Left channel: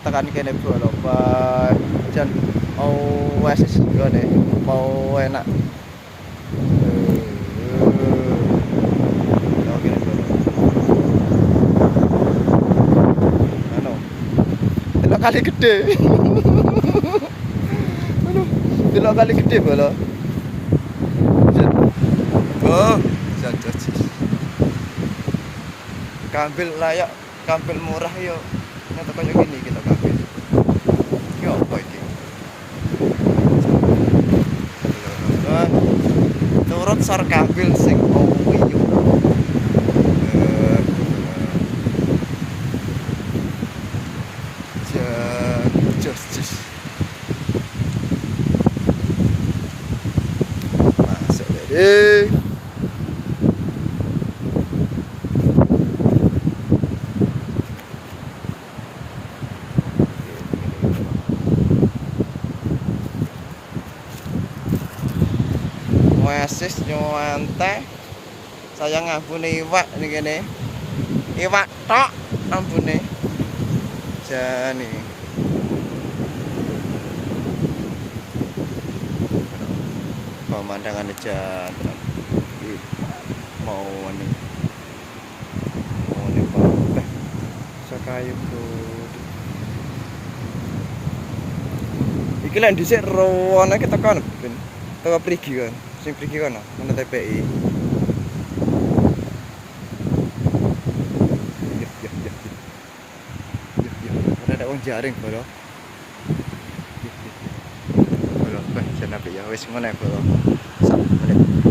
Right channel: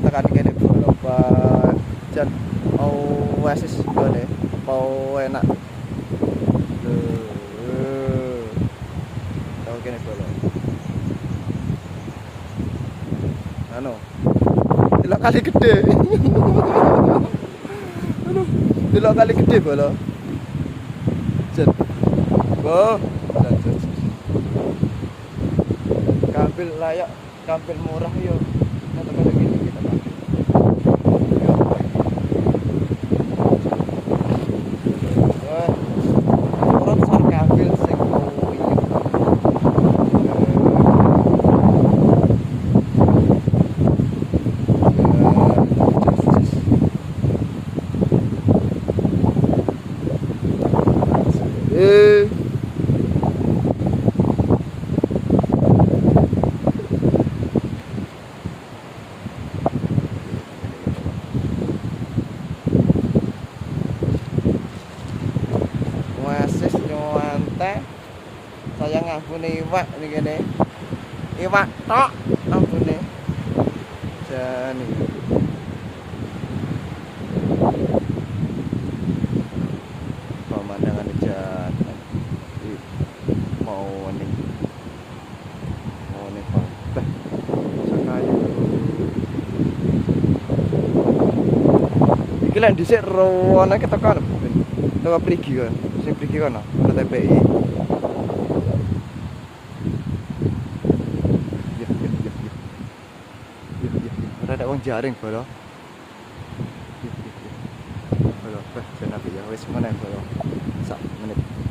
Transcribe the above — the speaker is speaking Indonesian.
tekan kene bolo Pak jan mau Oasis gone mau enak oh kene bolo anu delok kali gede aduh delok kali gede bolo jan oh jan kambil layak kambil murah yo nek tekan gini kita kambil yo apa iki turut sor kambil sing owi yo masuk jadi Oasis nyuwante saya ngambune iwak ini kene iwak tok ambune jani pemandangan jantan mau anu mau nih Pak sakayu iki lek dhisik rowane ketekan teko prigi kan sing prigi kono ono TPI ada wong jaring bolo bolo bah jenenge ya wis meneh bolo 1 menit